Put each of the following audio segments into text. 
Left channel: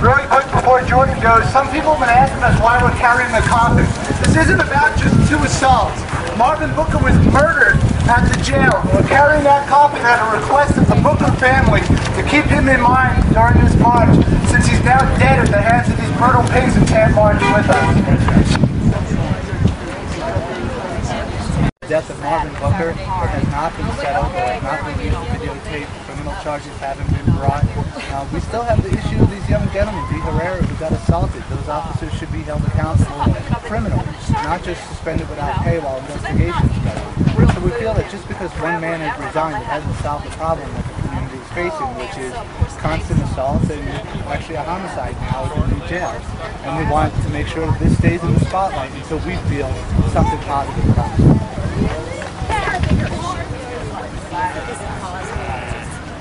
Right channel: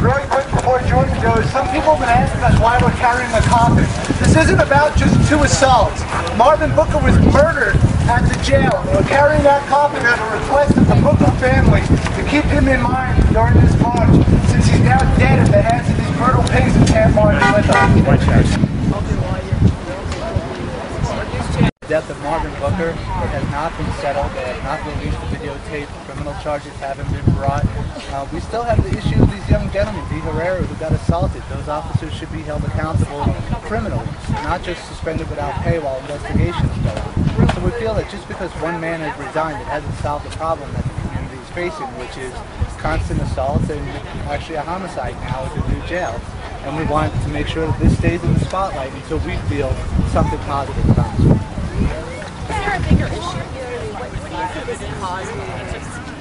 Really quick before Jordan goes, some people have been asking us why we're carrying the coffin. This isn't about just 2 assaults. Marvin Booker was murdered at the jail. We're carrying that coffin at a request of the Booker family to keep him in mind during this march, since he's now dead at the hands of these brutal pigs and can't march with us. The death of Marvin Booker, it has not been settled. They have not been used to videotape. Criminal charges haven't been brought. We still have the issue of these young gentlemen, D. Herrera, who got assaulted. Those officers should be held accountable criminally, not just suspended without pay while investigations go on. So we feel that just because one man has resigned, it hasn't solved the problem that the community is facing, which is constant assaults and actually a homicide now at the new jail. And we want to make sure that this stays in the spotlight until we feel something positive comes from it.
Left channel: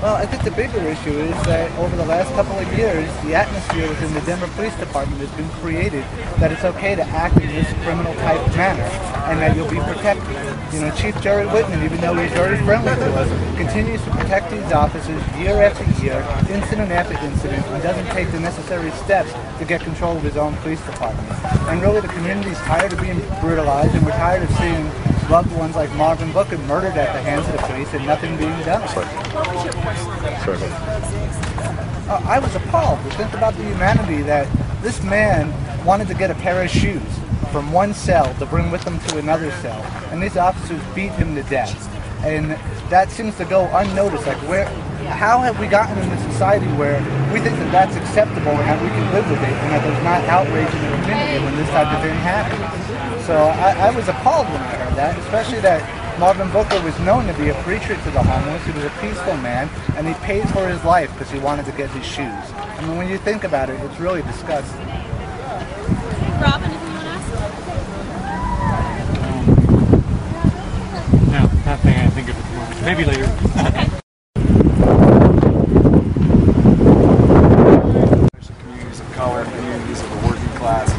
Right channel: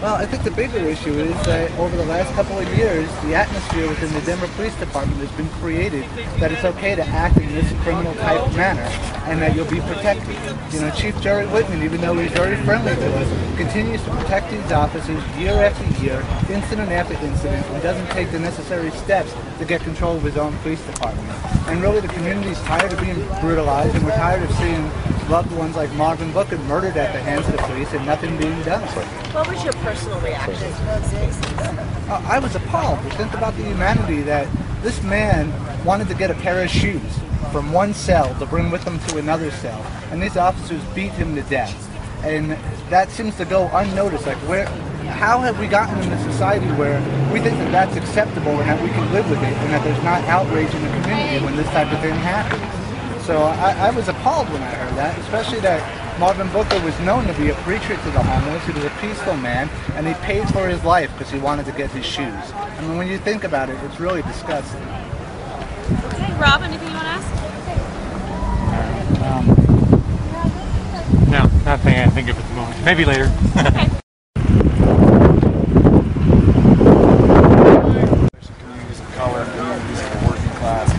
Well, I think the bigger issue is that over the last couple of years, the atmosphere within the Denver Police Department has been created that it's okay to act in this criminal type manner and that you'll be protected. You know, Chief Jerry Whitman, even though he's very friendly to us, continues to protect these officers year after year, incident after incident, and doesn't take the necessary steps to get control of his own police department. And really, the community's tired of being brutalized, and we're tired of seeing loved ones like Marvin Booker murdered at the hands of the police and nothing being done. What was your personal reaction? I was appalled to think about the humanity that this man wanted to get a pair of shoes from one cell to bring with him to another cell, and these officers beat him to death. And that seems to go unnoticed. Like, how have we gotten in a society where we think that that's acceptable and that we can live with it and that there's not outrage in the community when this type of thing happens? So I was appalled when I heard that, especially that Marvin Booker was known to be a preacher to the homeless. He was a peaceful man, and he paid for his life because he wanted to get his shoes. I mean, when you think about it, it's really disgusting. Okay, Rob, anything you want to ask? No, nothing I think of at the moment. Maybe later. Okay. Communities of color, communities of the working class.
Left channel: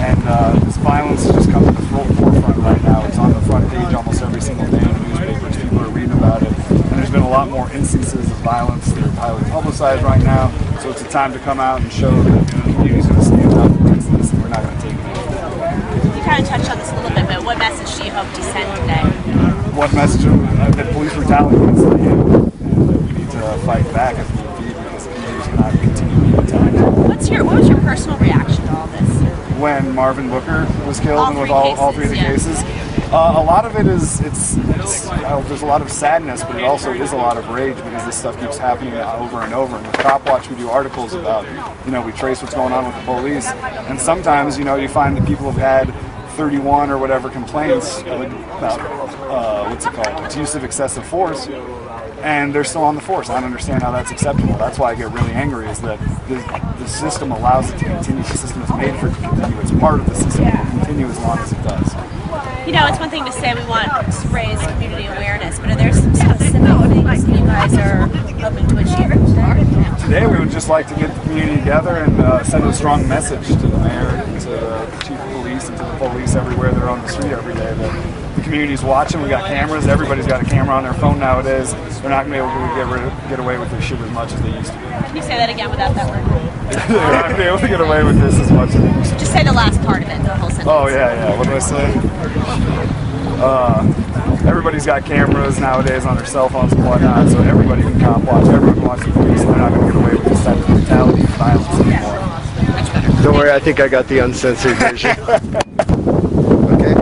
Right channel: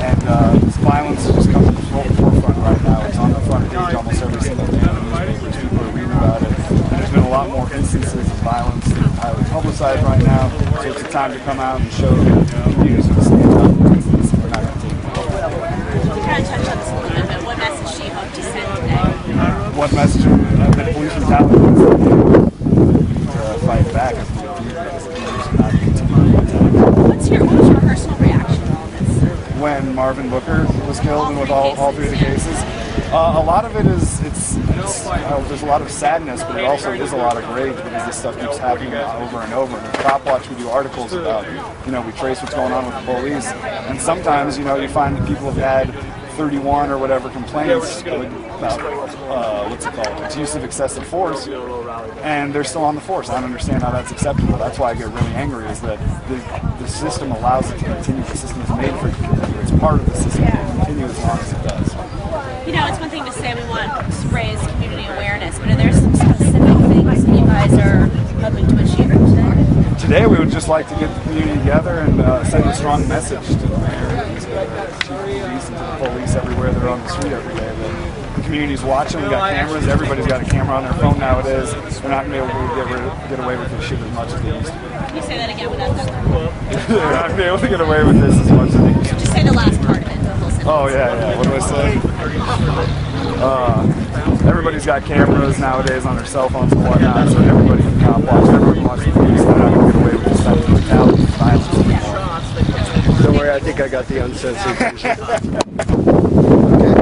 And this violence has just come to the forefront right now. It's on the front page almost every single day in the newspapers. People are reading about it. And there's been a lot more instances of violence that are highly publicized right now. So it's a time to come out and show that the community's going to stand up against this and we're not going to take it anymore. You kind of touched on this a little bit, but what message do you hope to send today? What message? That police brutality needs to end. And that we need to fight back if need be because the communities cannot continue being attacked. What was your personal reaction to all this? When Marvin Booker was killed and with all three of the cases. A lot of it is, there's a lot of sadness, but it also is a lot of rage because this stuff keeps happening over and over. And with Cop Watch, we do articles about, we trace what's going on with the police. And sometimes, you find that people have had 31 or whatever complaints about, it's use of excessive force. And they're still on the force. I don't understand how that's acceptable. That's why I get really angry, is that the system allows it to continue. The system is made for it to continue. It's part of the system. It will continue as long as it does. It's one thing to say we want to raise community awareness, but are there some specific things that you guys are hoping to achieve today? Today we would just like to get the community together and send a strong message to the mayor and to the police and to the police everywhere that are on the street every day that the community's watching. We got cameras. Everybody's got a camera on their phone nowadays. They're not going to be able to get away with this shit as much as they used to be. Can you say that again without that word? They're not going to be able to get away with this as much as they used to. Just say the last part of it, the whole sentence. Oh, yeah. What do I say? Everybody's got cameras nowadays on their cell phones and whatnot, so everybody can cop watch. Everyone can watch the police, and they're not going to get away with this type of brutality and violence anymore. Don't worry, I think I got the uncensored version. Okay?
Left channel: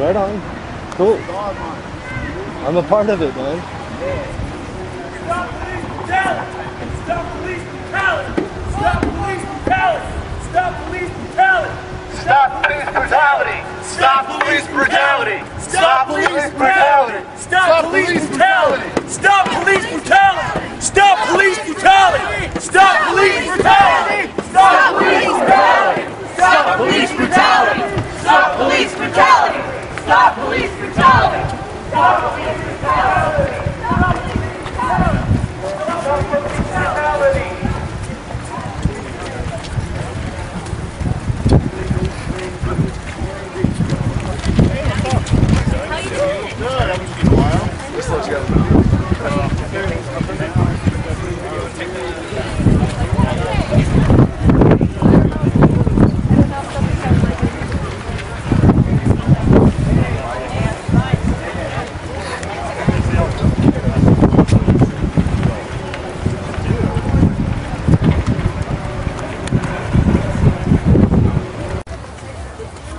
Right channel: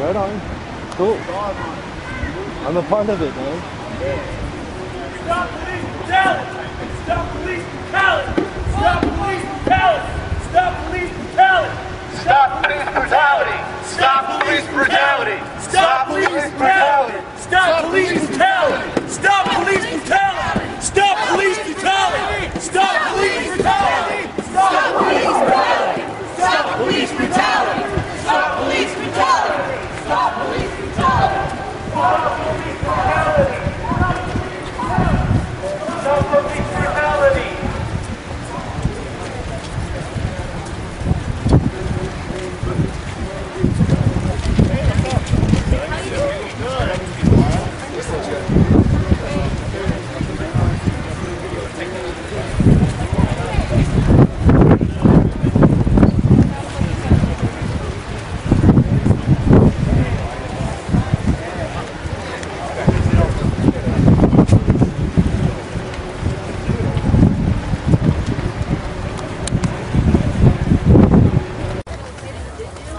Right on. Cool. I'm a part of it, man. Stop police brutality! Stop police brutality! Stop police brutality! Stop police brutality! Stop police brutality! Stop police brutality! Stop police brutality! Stop police brutality! Stop police brutality! Stop police brutality! Stop police brutality! Stop police brutality! Stop police brutality! Stop police brutality! Stop police brutality! Stop police brutality! Stop police brutality! How you doing? Good. I haven't seen in a while. Just let you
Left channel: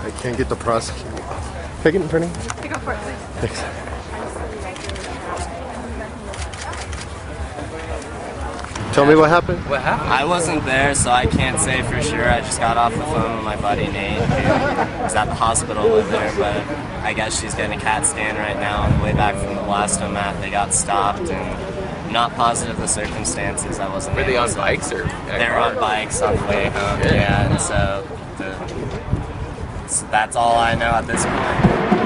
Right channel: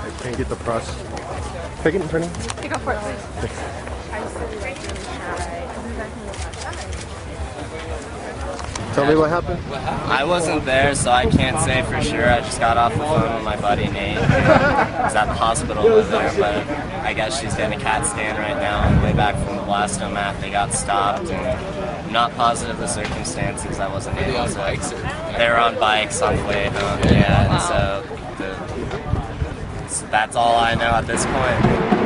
I can't get the process. Take it in printing. Go for it, please. Thanks. Tell me what happened. I wasn't there, so I can't say for sure. I just got off the phone with my buddy Nate, who is at the hospital over there, but I guess she's getting a CAT scan right now. On the way back from the blastomat, they got stopped, and I'm not positive the circumstances. I wasn't able to. Were they on bikes? Or? They were on bikes on the way home, yeah, and so that's all I know at this point.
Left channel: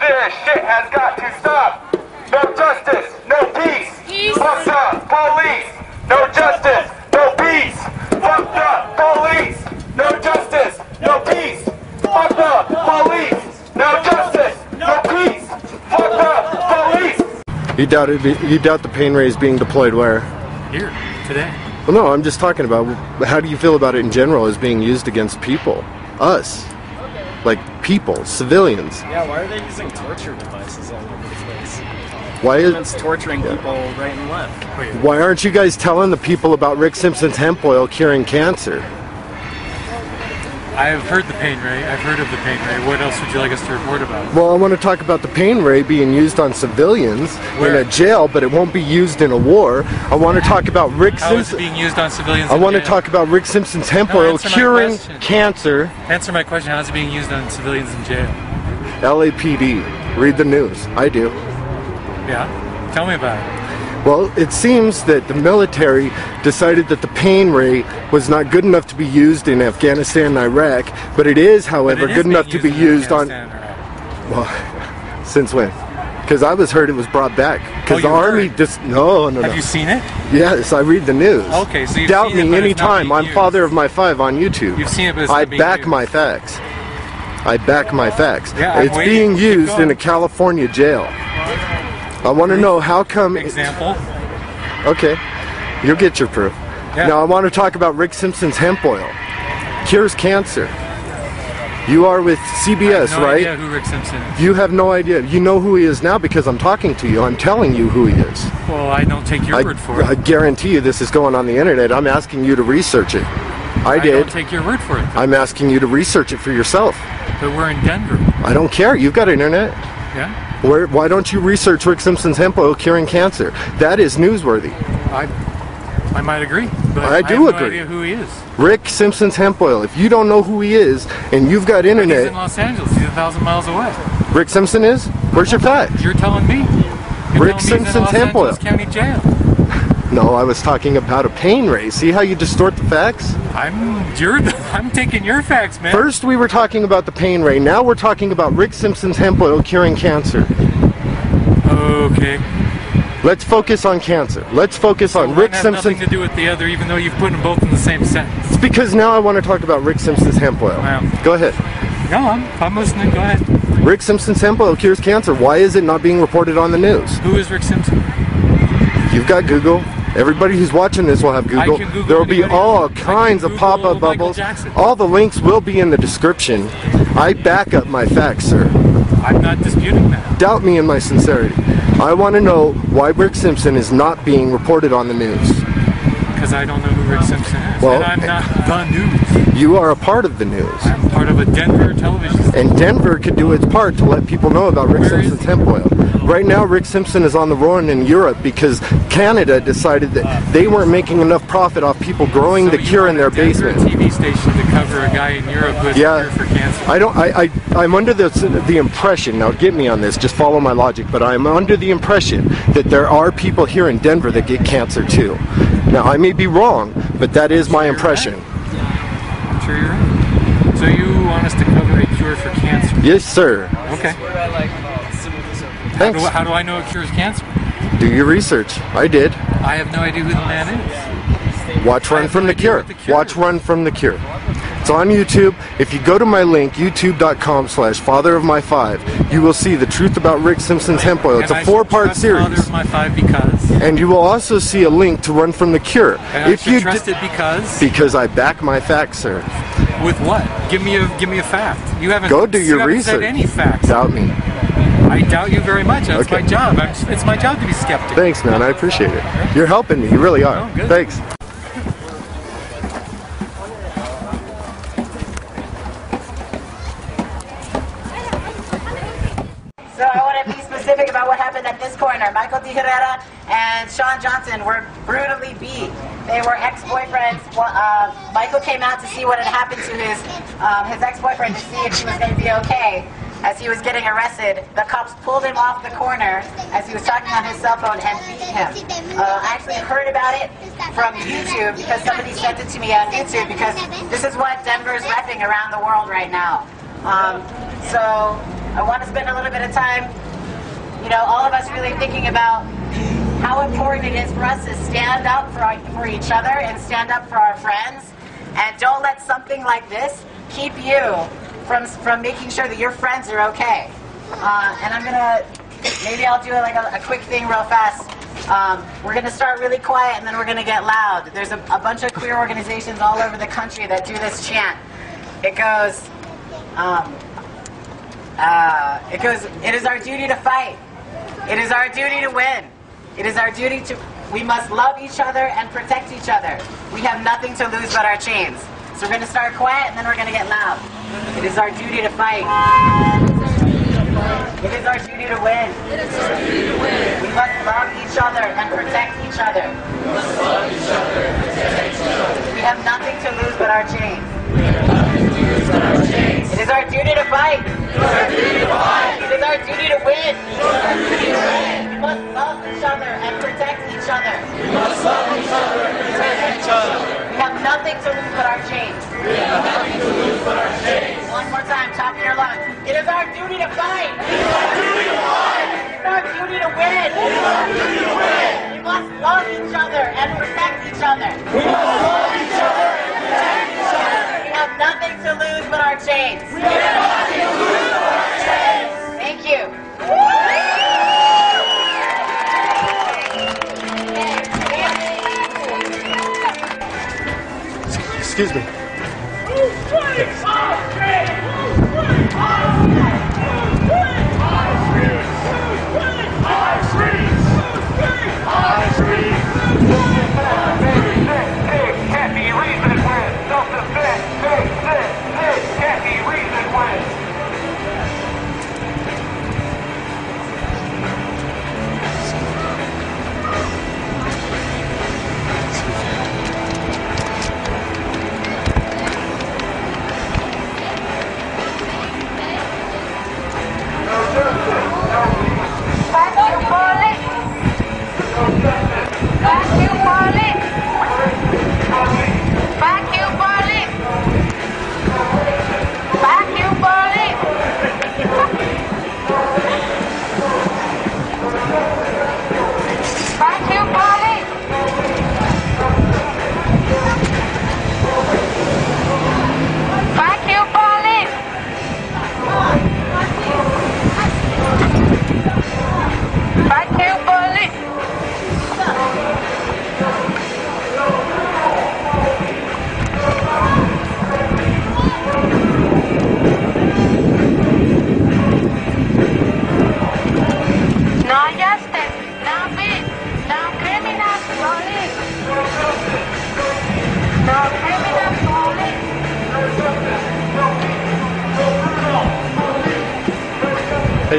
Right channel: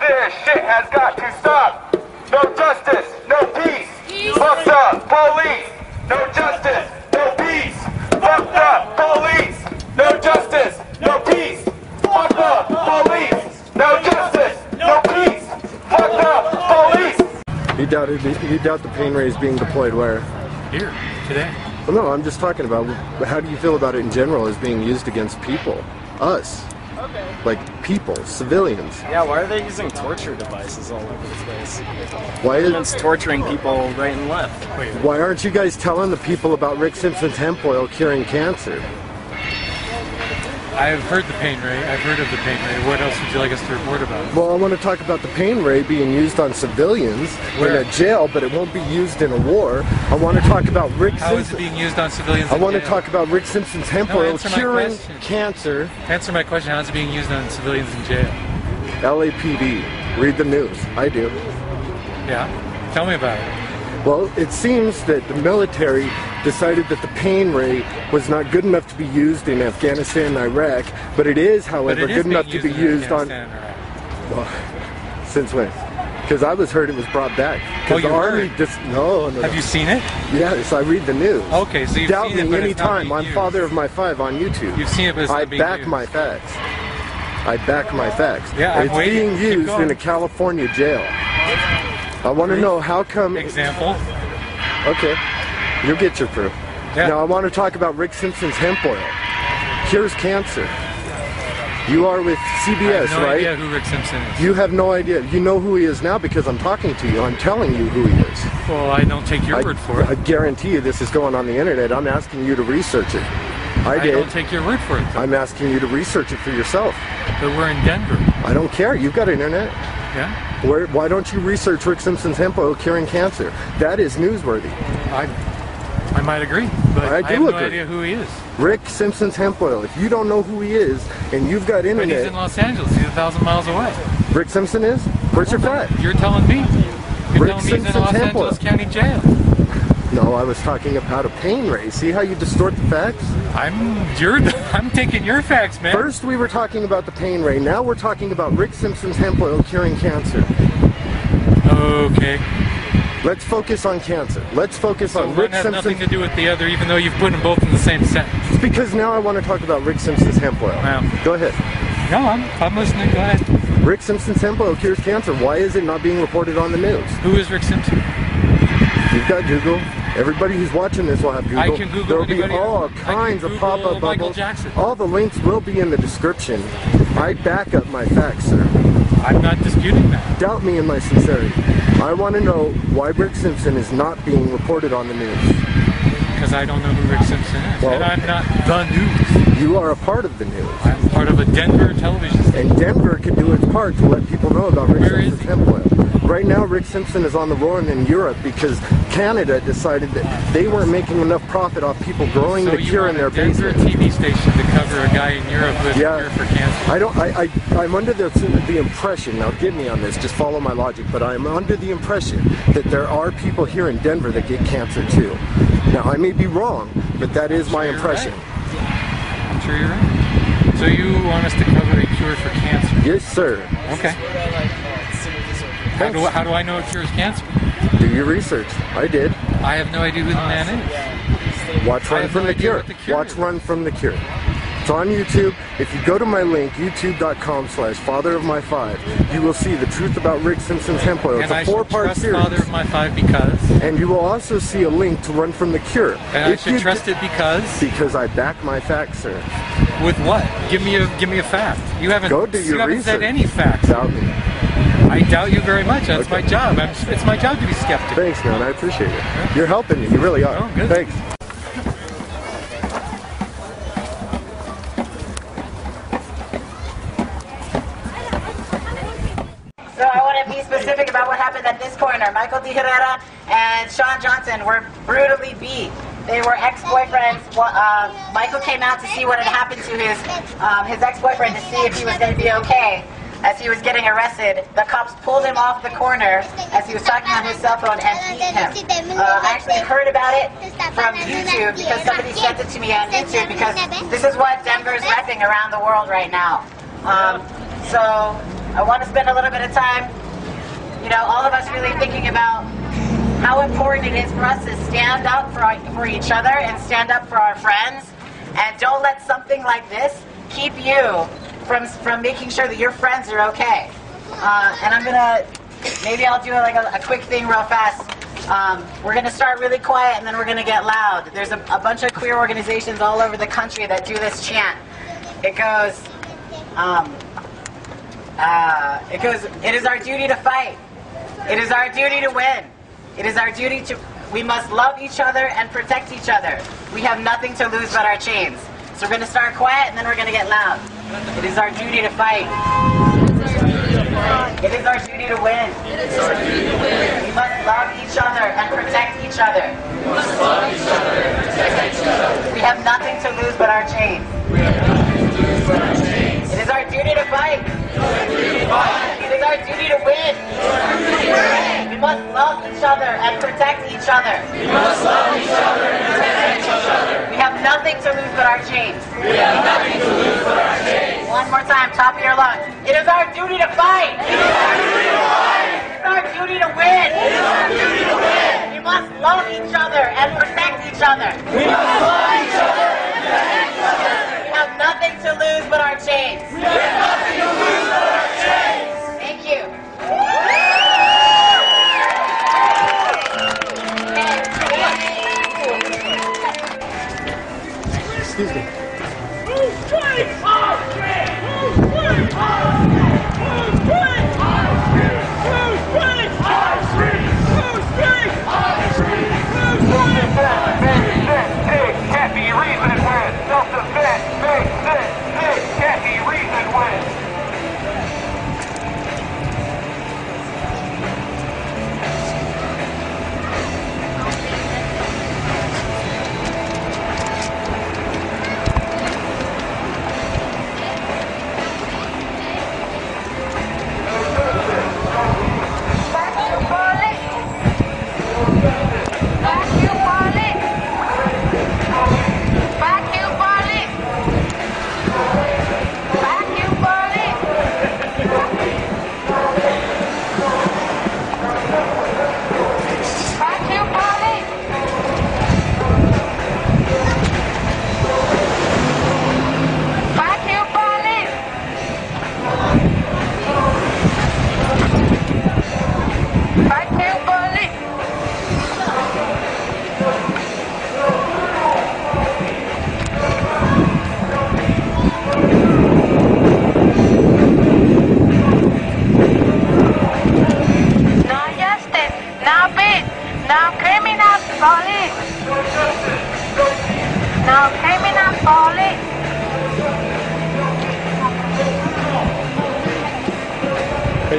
This shit has got to stop. No justice, no peace. Fucked up police. No justice, no peace. Fucked up police. No justice, no peace. Fucked up police. No justice, no peace. Fucked up police. You doubt the pain ray is being deployed where? Here, today. Well, no, I'm just talking about how do you feel about it in general as being used against people? Us. Like people, civilians. Yeah, why are they using torture devices all over the place? Why Government's torturing people right and left. Why aren't you guys telling the people about Rick Simpson's hemp oil curing cancer? I've heard the pain ray. I've heard of the pain ray. What else would you like us to report about? Well, I want to talk about the pain ray being used on civilians in a jail, but it won't be used in a war. I want to talk about Rick Simpson. How is it being used on civilians? I want to talk about Rick Simpson's hemp oil curing cancer. Answer my question. How is it being used on civilians in jail? LAPD. Read the news. I do. Yeah. Tell me about it. Well, it seems that the military decided that the pain ray was not good enough to be used in Afghanistan and Iraq, but it is, however, good enough to be used on... Well, since when? Because I heard it was brought back. Oh, you heard? No. Have you seen it? Yes, I read the news. Okay, so you've Doubt seen it, me but anytime. I'm father of my 5 on YouTube. You've seen it, but it's not being I back used. my facts. I back my facts. Yeah, it's being used in a California jail. I want to know how come... Example? Okay, you'll get your proof. Yeah. Now I want to talk about Rick Simpson's hemp oil. Cures cancer. You are with CBS, I have no right? idea who Rick Simpson is. You have no idea. You know who he is now because I'm talking to you. I'm telling you who he is. Well, I don't take your word for it. I guarantee you this is going on the internet. I'm asking you to research it. I did. don't take your word for it, though. I'm asking you to research it for yourself. But we're in Denver. I don't care. You've got internet. Yeah? Why don't you research Rick Simpson's hemp oil curing cancer? That is newsworthy. I might agree, but I do have no agree. idea who he is. Rick Simpson's hemp oil. If you don't know who he is and you've got But internet... he's in Los Angeles. He's 1,000 miles away. Rick Simpson is? Where's your fact? You're telling me. You're Rick telling me he's in Simpson's Los hemp oil. Angeles County Jail. No, I was talking about a pain ray. See how you distort the facts? I'm taking your facts, man. First we were talking about the pain ray. Now we're talking about Rick Simpson's hemp oil curing cancer. Okay. Let's focus on cancer. Let's focus on One Rick has Simpson. nothing to do with the other, even though you've put them both in the same sentence. It's because now I want to talk about Rick Simpson's hemp oil. Wow. Go ahead. No, I'm listening. Go ahead. Rick Simpson's hemp oil cures cancer. Why is it not being reported on the news? Who is Rick Simpson? You've got Google. Everybody who's watching this will have Google. I can Google There will be anybody all else. kinds of Google pop-up Michael bubbles. Jackson. All the links will be in the description. I back up my facts, sir. I'm not disputing that. Doubt me in my sincerity. I want to know why Rick Simpson is not being reported on the news. Because I don't know who Rick Simpson is. Well, and I'm not the news. You are a part of the news. I'm part of a Denver television station. And Denver could do its part to let people know about Rick Where is Simpson's he? hemp oil. Right now, Rick Simpson is on the run in Europe because Canada decided that they weren't making enough profit off people growing the cure in their Denver basement. TV station to cover a guy in Europe with a cure for cancer. I'm under the impression, now get me on this, just follow my logic, but I'm under the impression that there are people here in Denver that get cancer too. Now, I may be wrong, but that is my impression. Right. I'm sure you're right. So you want us to cover a cure for cancer? Yes, sir. Okay. How do I know it cures cancer? Do your research. I did. I have no idea who the man is. Watch Run from the Cure. Watch Run from the Cure. It's on YouTube. If you go to my link, youtube.com/fatherofmy5, you will see the truth about Rick Simpson's hemp oil. It's a 4-part series. Father of My 5 because? And you will also see a link to Run from the Cure. And I should trust it because? Because I back my facts, sir. With what? Give me a fact. You haven't. Go do your research. Said any facts. Doubt me. I doubt you very much. That's my job. It's my job to be skeptical. Thanks, man. I appreciate it. You're helping me. You really are. Oh, good. Thanks. So I want to be specific about what happened at this corner. Michael D. Herrera and Sean Johnson were brutally beat. They were ex-boyfriends. Michael came out to see what had happened to his ex-boyfriend to see if he was going to be okay. As he was getting arrested, the cops pulled him off the corner as he was talking on his cell phone and beat him. I actually heard about it from YouTube because somebody sent it to me on YouTube because this is what Denver's repping around the world right now. So I want to spend a little bit of time, all of us really thinking about how important it is for us to stand up for each other and stand up for our friends, and don't let something like this keep you from making sure that your friends are okay. And I'm gonna, maybe I'll do a quick thing real fast. We're gonna start really quiet and then we're gonna get loud. There's a bunch of queer organizations all over the country that do this chant. It goes, it is our duty to fight. It is our duty to win. It is our duty we must love each other and protect each other. We have nothing to lose but our chains. So we're going to start quiet and then we're going to get loud. It is our duty to fight. It is our duty to win. It is our duty to win. We must love each other and protect each other. We must love each other and protect each other. We have nothing to lose but our chains. We have nothing to lose but our chains. It is our duty to fight. It is our duty to fight. It is our duty to win. It is our duty to win. We must love each other and protect each other. We must love each other and protect each other. We have nothing to lose but our chains. We have nothing to lose but our chains. One more time, top of your lungs. It is our duty to fight. It is our duty to fight. It is our duty to win. It is our duty to win. We must love each other and protect each other. We must love each other and protect each other. We have nothing to lose but our chains. We have nothing to lose but our chains. Thank you. Excuse me.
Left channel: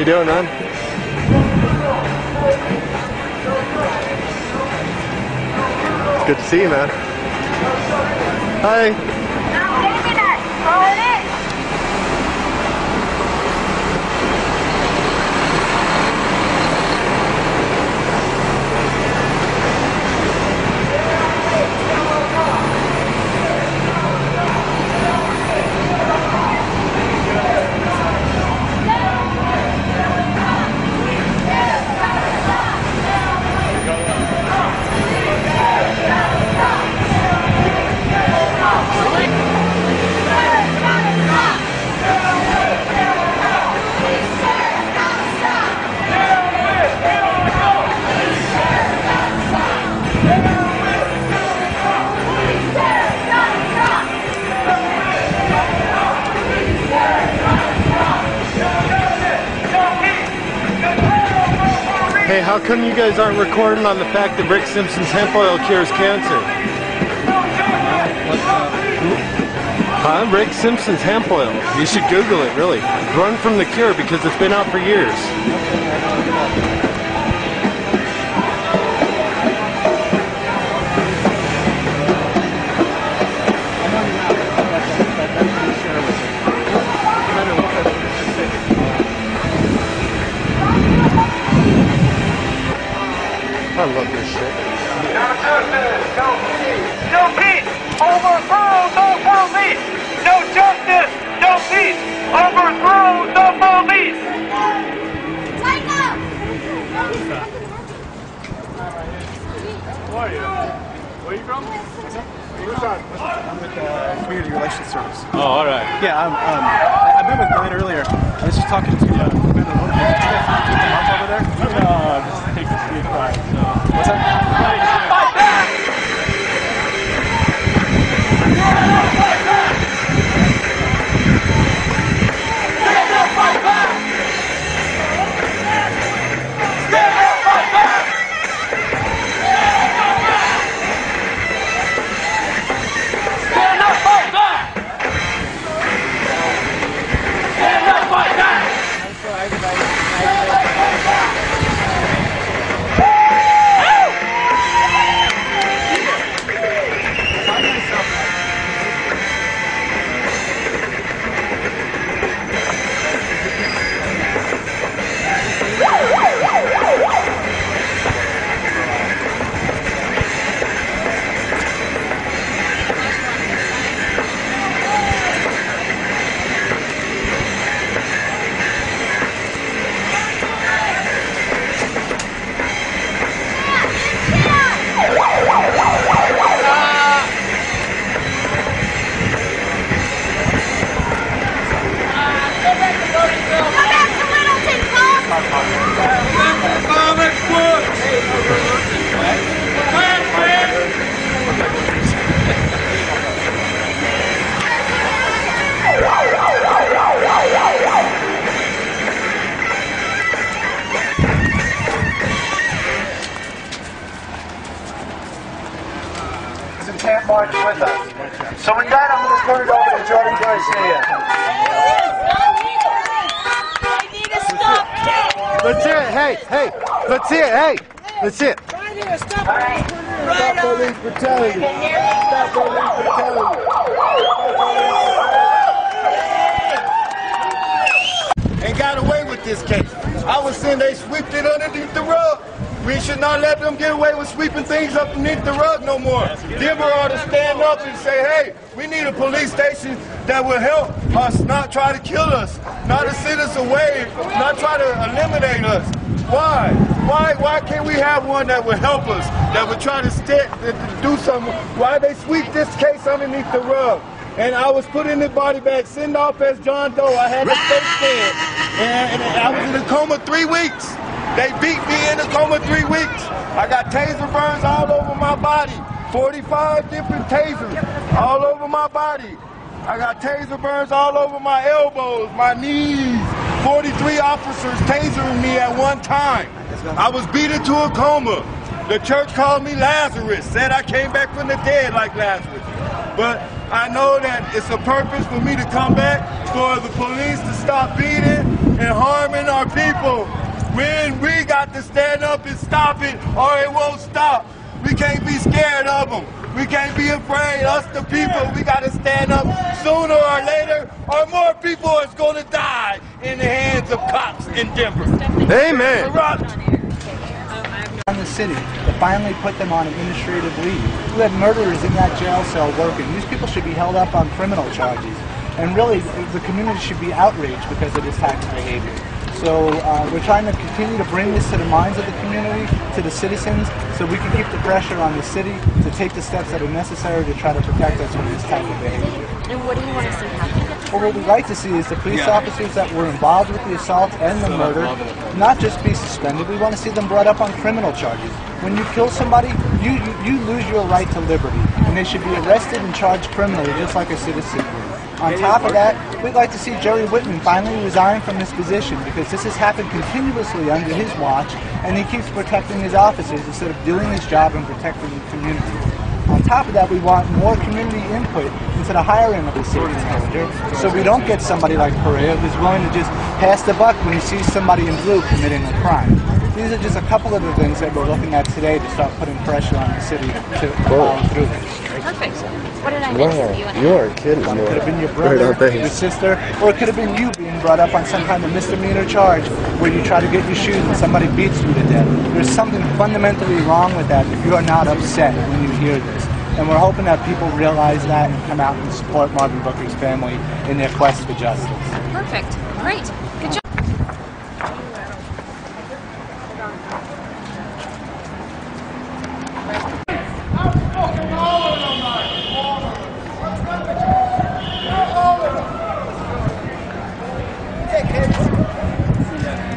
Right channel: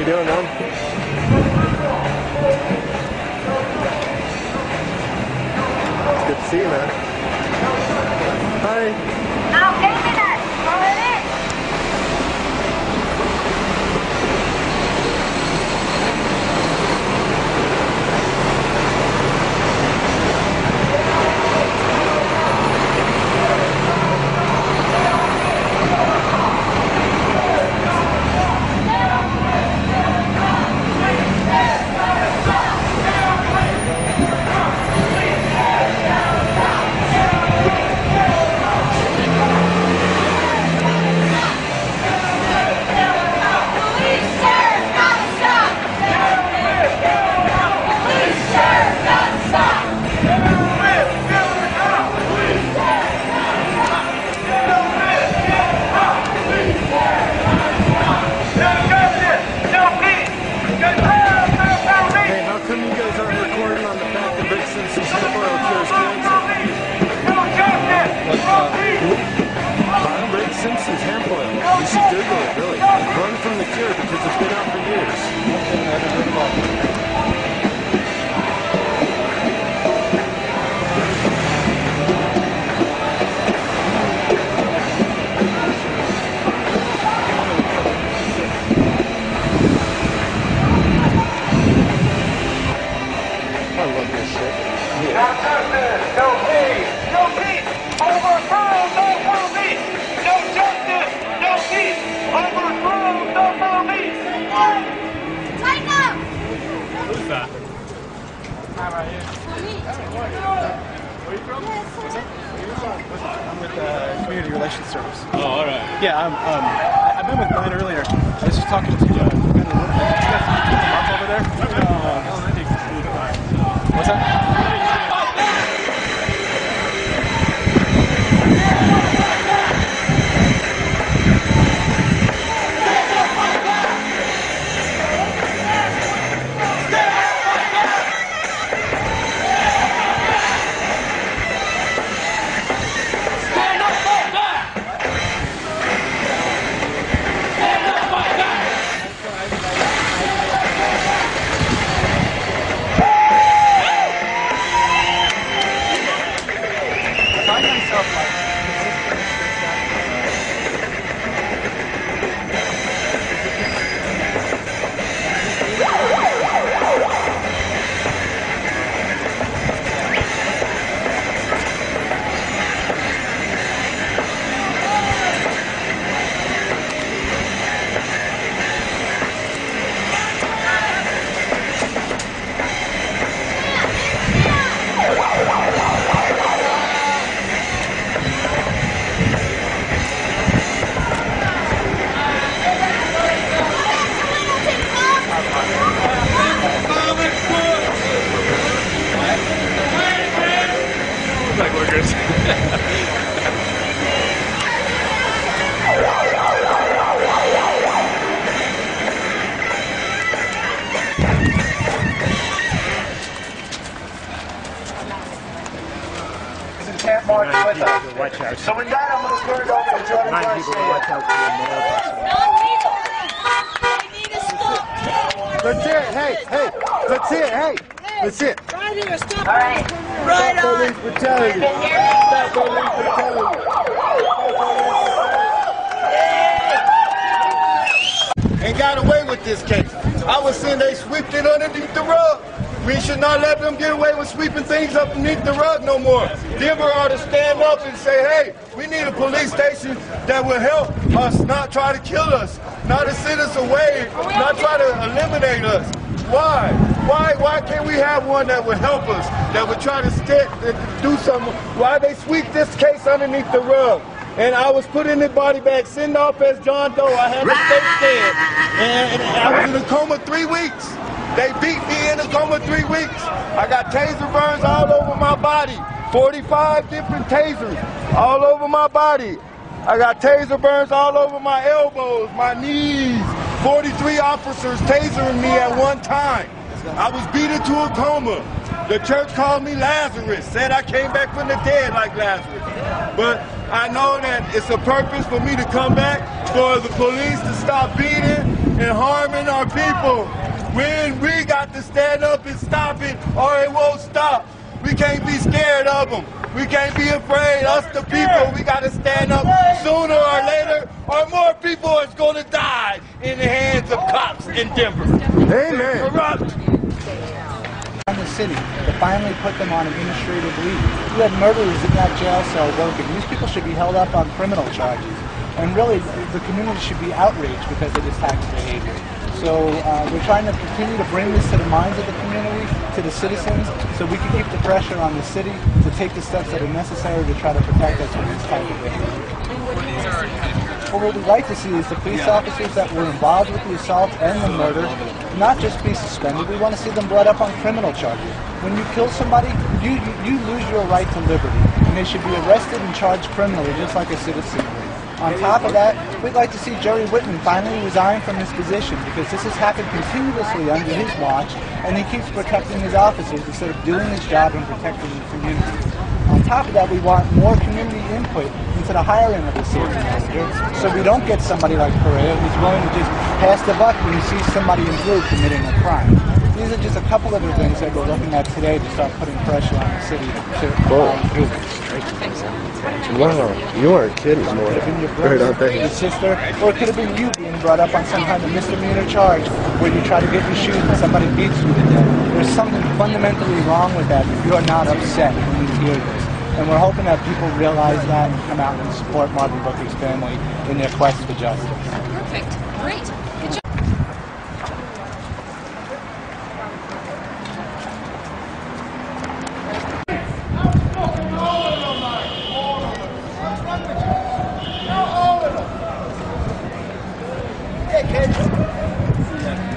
you doing, man? It's good to see you, man. Hi. How come you guys aren't recording on the fact that Rick Simpson's hemp oil cures cancer? Rick Simpson's hemp oil. You should Google it, really. Run from the cure because it's been out for years. I love this shit. No justice, no peace. No peace. Overthrow the police. No justice, no peace. Overthrow the police. Psycho! Who's that? Where are you from? What's up? I'm with the Community Relations Service. Oh, all right. Yeah, I met with Glenn earlier. I was just talking to Commander Lopez. Did you guys keep him up over there? No, I think it's really quiet. What's that? Can't march with us. So with that, I'm going to turn it over to Jordan Garcia. Let's hear it. Hey, let's hear it. Hey, let's hear it. Right here, stop. All right. Stop police brutality. Stop police brutality. And got away with this case. I was saying they swept it underneath the rug. We should not let them get away with sweeping things up underneath the rug no more. Denver ought to stand up and say, hey, we need a police station that will help us, not try to kill us, not to send us away, not try to eliminate us. Why? Why can't we have one that would help us, that would try to do something? Why they sweep this case underneath the rug? And I was put in the body bag, sent off as John Doe. I had to stay dead. And I was in a coma 3 weeks. They beat me in a coma 3 weeks. I got taser burns all over my body. 45 different tasers all over my body. I got taser burns all over my elbows, my knees. 43 officers tasering me at one time. I was beat into a coma. The church called me Lazarus, said I came back from the dead like Lazarus. But I know that it's a purpose for me to come back, for the police to stop beating, and harming our people. When we got to stand up and stop it, or it won't stop. We can't be scared of them. We can't be afraid. Us, the people, we got to stand up sooner or later, or more people is going to die in the hands of cops in Denver. Amen. Corrupt. In the city to finally put them on administrative leave. You had murderers in that jail cell working. These people should be held up on criminal charges. And really, the community should be outraged because of this type of behavior. So we're trying to continue to bring this to the minds of the community, to the citizens, so we can keep the pressure on the city to take the steps that are necessary to try to protect us from this type of behavior. And what do you want to see happen? Well, what we'd like to see is the police officers that were involved with the assault and the murder not just be suspended, we want to see them brought up on criminal charges. When you kill somebody, you lose your right to liberty, and they should be arrested and charged criminally just like a citizen would. On top of that, we'd like to see Jerry Whitman finally resign from his position because this has happened continuously under his watch, and he keeps protecting his officers instead of doing his job and protecting the community. On top of that, we want more community input into the hiring of the safety manager, so we don't get somebody like Perea who's willing to just pass the buck when he sees somebody in blue committing a crime. These are just a couple of the things that we're looking at today to start putting pressure on the city to follow through this. Perfect. What did I miss? Wow, you aren't kidding. It could have been your brother, your sister, or it could have been you being brought up on some kind of misdemeanor charge where you try to get your shoes and somebody beats you to death. There's something fundamentally wrong with that if you are not upset when you hear this. And we're hoping that people realize that and come out and support Marvin Booker's family in their quest for justice. Perfect. Great. Good job.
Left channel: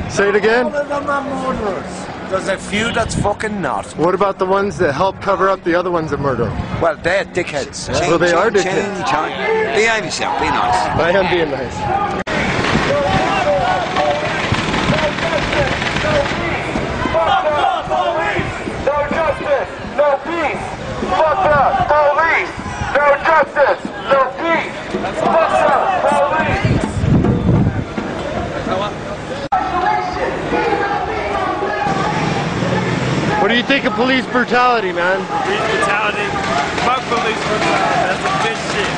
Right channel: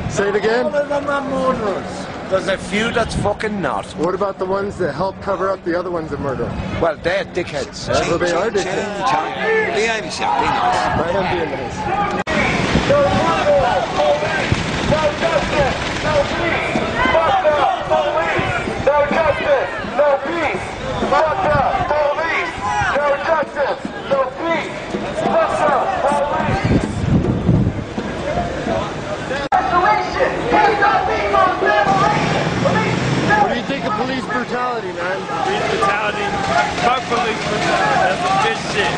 Say it again? All of them are murderers. There's a few that's fucking not. What about the ones that help cover up the other ones that murder them? Well, they're dickheads, sir. Well, they are dickheads. Behave yourself, be nice. I am being nice. No justice, no peace. Fuck the police. No justice, no peace. Fuck the police. No justice, no peace. Fuck the police. What do you think of police brutality, man? Police brutality? Fuck police brutality. That's some good shit.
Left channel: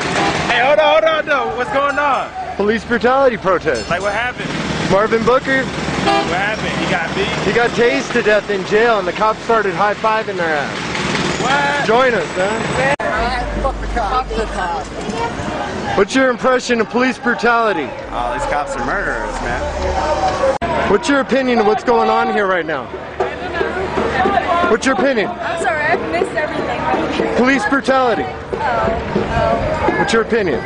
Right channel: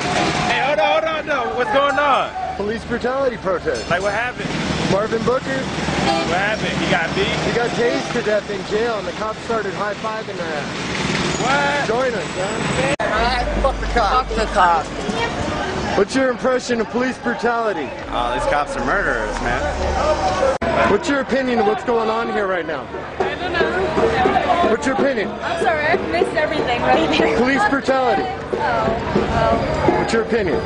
Hey, hold on, no. What's going on? Police brutality protest. Like, what happened? Marvin Booker. What happened? He got beat? He got tased to death in jail, and the cops started high-fiving their ass. What? Join us, man. Fuck the cops. Fuck the cops. What's your impression of police brutality? Oh, these cops are murderers, man. What's your opinion of what's going on here right now? I don't know. What's your opinion? I'm sorry, I've missed everything right now. Police brutality. Oh. What's your opinion?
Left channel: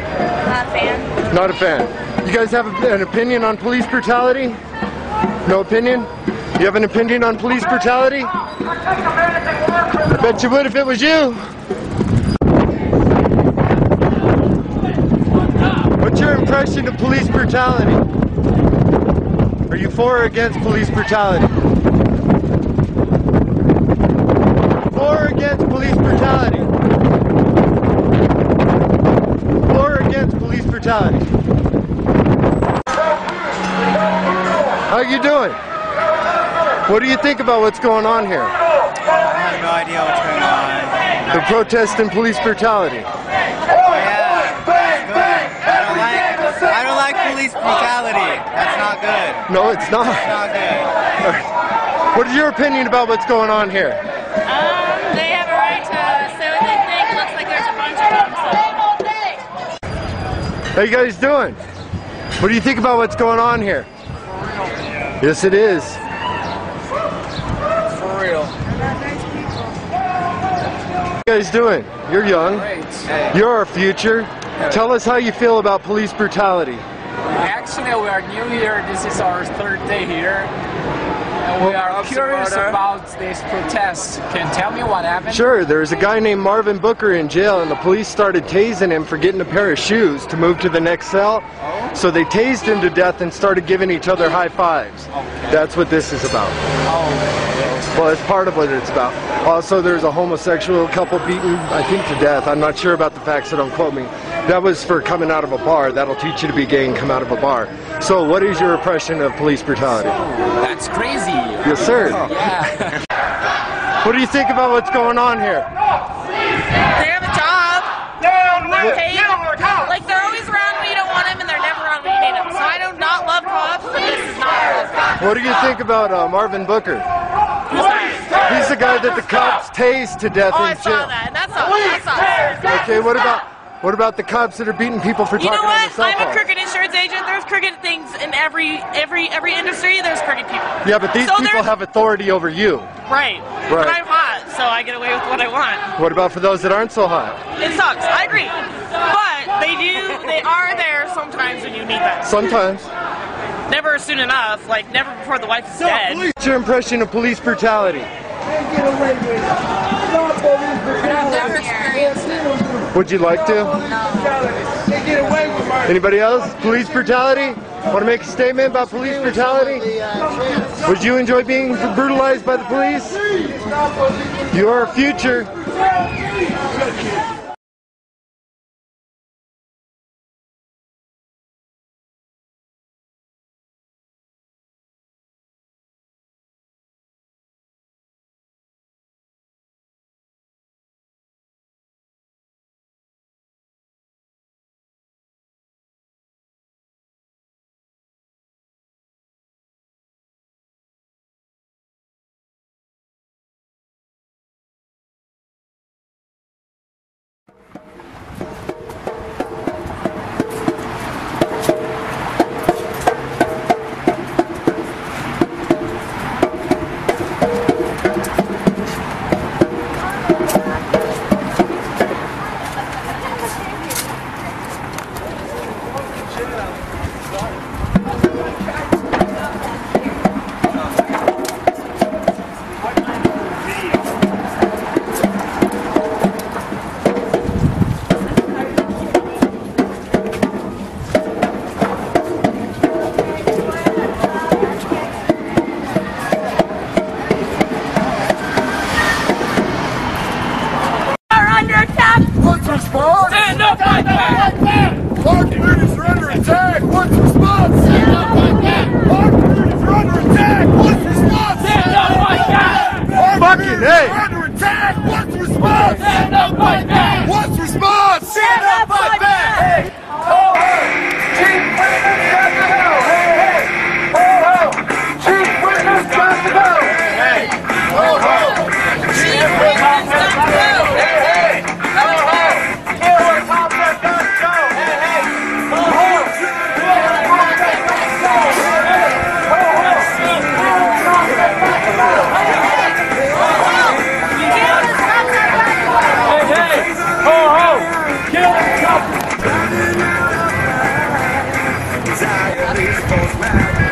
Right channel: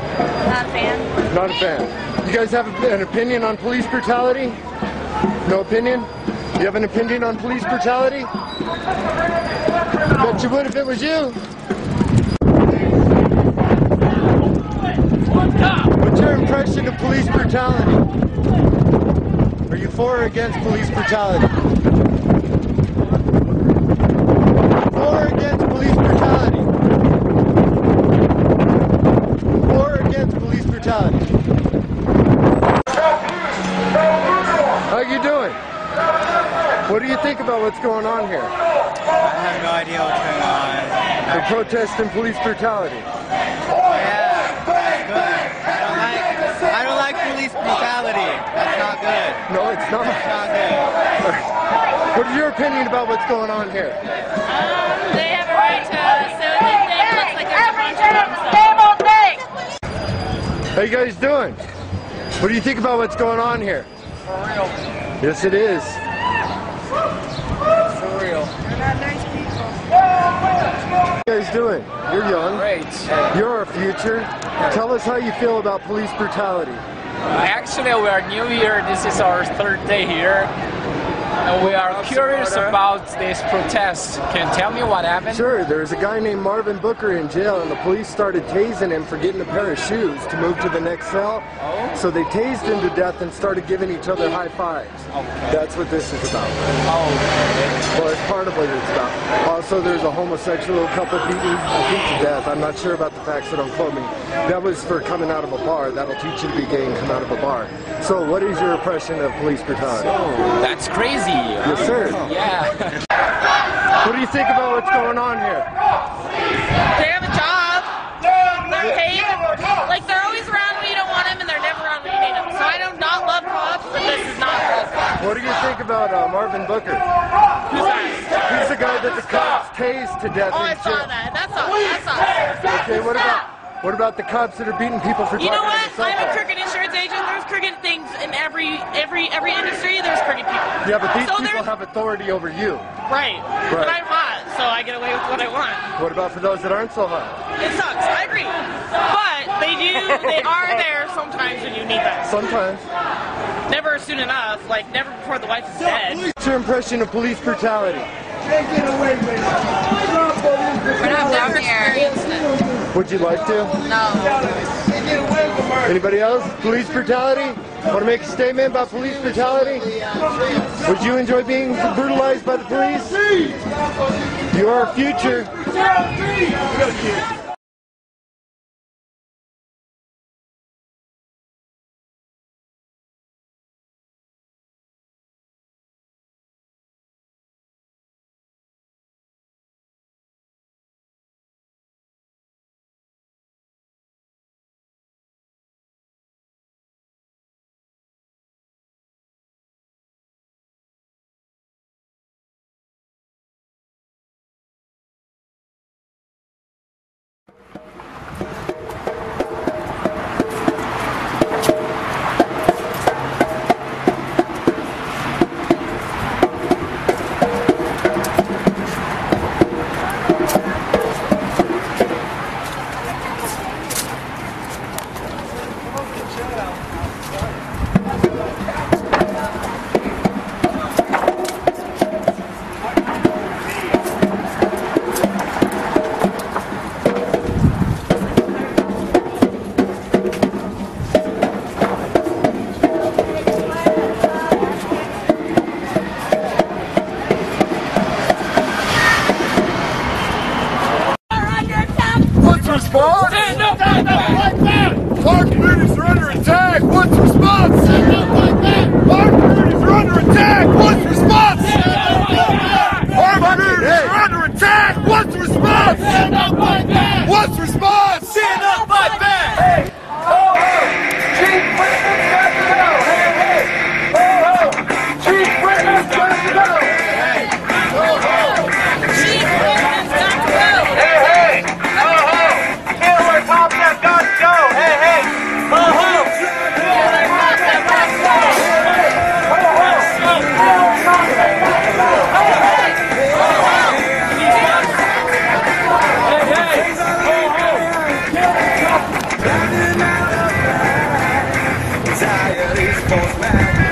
Not a fan. Not a fan. You guys have an opinion on police brutality? No opinion? You have an opinion on police brutality? I bet you would if it was you. What's your impression of police brutality? Are you for or against police brutality? For or against police brutality? For or against police brutality? How you doing? What do you think about what's going on here? I have no idea what's going on. The protest and police brutality. Yeah, that's good. I don't like police brutality. That's not good. No, it's not. It's not good. What is your opinion about what's going on here? They have a right to say what they think. It looks like there's a bunch of them, so. How you guys doing? What do you think about what's going on here? For real. Yes, it is. For real. They're not nice people. What are you guys doing? You're young. Great. You're our future. Tell us how you feel about police brutality. Actually, we are new here. This is our third day here. And we are curious about this protest. Can you tell me what happened? Sure, there's a guy named Marvin Booker in jail, and the police started tasing him for getting a pair of shoes to move to the next cell. Oh. So they tased him to death and started giving each other high fives. Okay. That's what this is about. Oh, okay. Well, it's part of what it's about. Also, there's a homosexual couple beaten, I think, to death. I'm not sure about the facts, so don't quote me. That was for coming out of a bar. That'll teach you to be gay and come out of a bar. So what is your impression of police brutality? So, that's crazy. Yes, sir. Yeah. What do you think about what's going on here? They have a job. They're paid. Like, they're always around when you don't want them, and they're never around when you need them. So I do not love cops, but this is not love cops. What do you think about Marvin Booker? Who's that? He's the guy that the cops tased to death. Oh, I saw that. That's awesome. Okay, what about the cops that are beating people for You know talking on what? the cell I'm a phone? crooked insurance agent. There's crooked things in every industry. There's crooked people. Yeah, but these So people have authority over you. Right. But I'm hot, so I get away with what I want. What about for those that aren't so hot? It sucks. I agree. But they are there sometimes when you need them. Sometimes. Never soon enough. Like, never before the wife is dead. What's your impression of police brutality? I've never experienced it. Would you like to? No. Anybody else? Police brutality? Want to make a statement about police brutality? Would you enjoy being brutalized by the police? Your future. Response? Stand up, fight back! Our communities are under attack! What's the response? Stand up, fight back! Our communities are under attack! What's the response? Stand up, fight back! Our communities are under attack! What's the response? Stand up, fight back! What's the response? Stand up, fight back! Hey! Ho, ho! Chief Witness got to go! Hey, hey! Ho, ho! Chief Witness got to go! Hey, hey! Ho, ho! Chief Witness got to go! Hey, hey! Ho, ho! Killer cops have got to go! Hey, hey! Ho, ho! Killer cops have got to go! Hey, hey! Ho, ho! Killer cops have got to go! Hey, hey! Ho, ho! Hey, hey! Ho, ho! Killer cops! Running out of time. Anxiety's most magnified.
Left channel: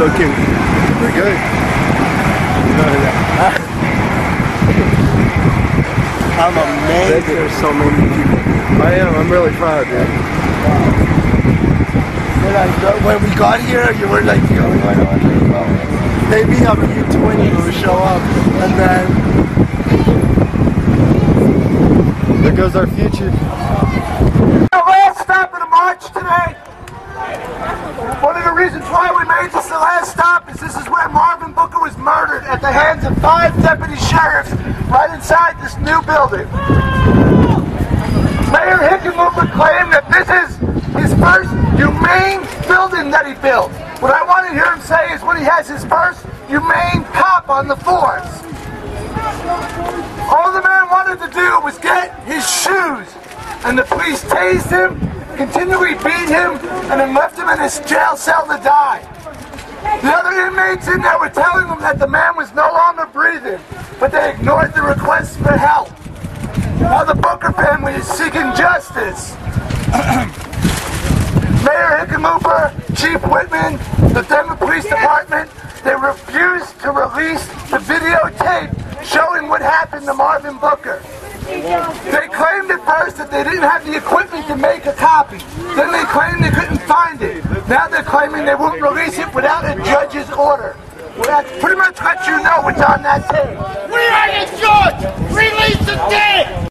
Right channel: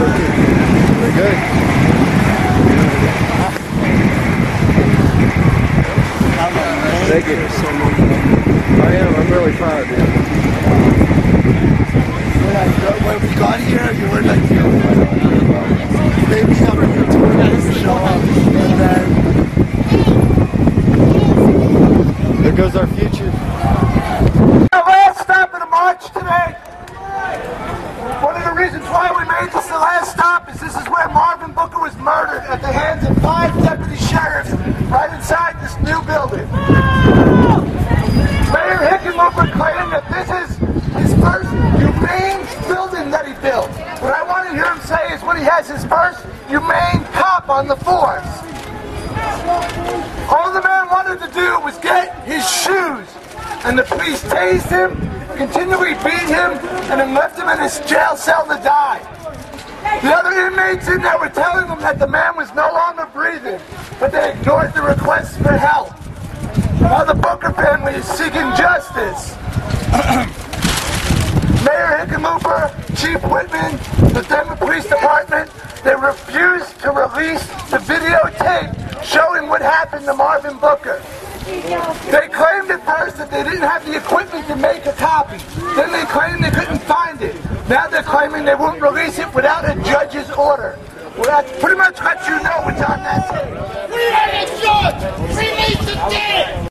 looking pretty good. I'm amazed. There's so many people. I am. I'm really proud, dude. When we got here, you were like the only one. I was like, oh, maybe I'll give you 20 when we show up. And then there goes our future. The last stop of the march today. One of the reasons why we made this the last stop is this is where Marvin Booker was murdered at the hands of 5 deputy sheriffs right inside this new building. Mayor Hickenlooper claimed that this is his first humane building that he built. What I want to hear him say is when he has his first humane cop on the force. All the man wanted to do was get his shoes, and the police tased him, continually beat him, and then left him in his jail cell to die. The other inmates in there were telling him that the man was no longer breathing, but they ignored the requests for help. Now the Booker family is seeking justice. Mayor Hickenlooper, Chief Whitman, the Denver Police Department, they refused to release the videotape showing what happened to Marvin Booker. They claimed at first that they didn't have the equipment to make a copy. Then they claimed they couldn't find it. Now they're claiming they won't release it without a judge's order. Well, that's pretty much what you know what's on that tape. We are the judge! Release the tape!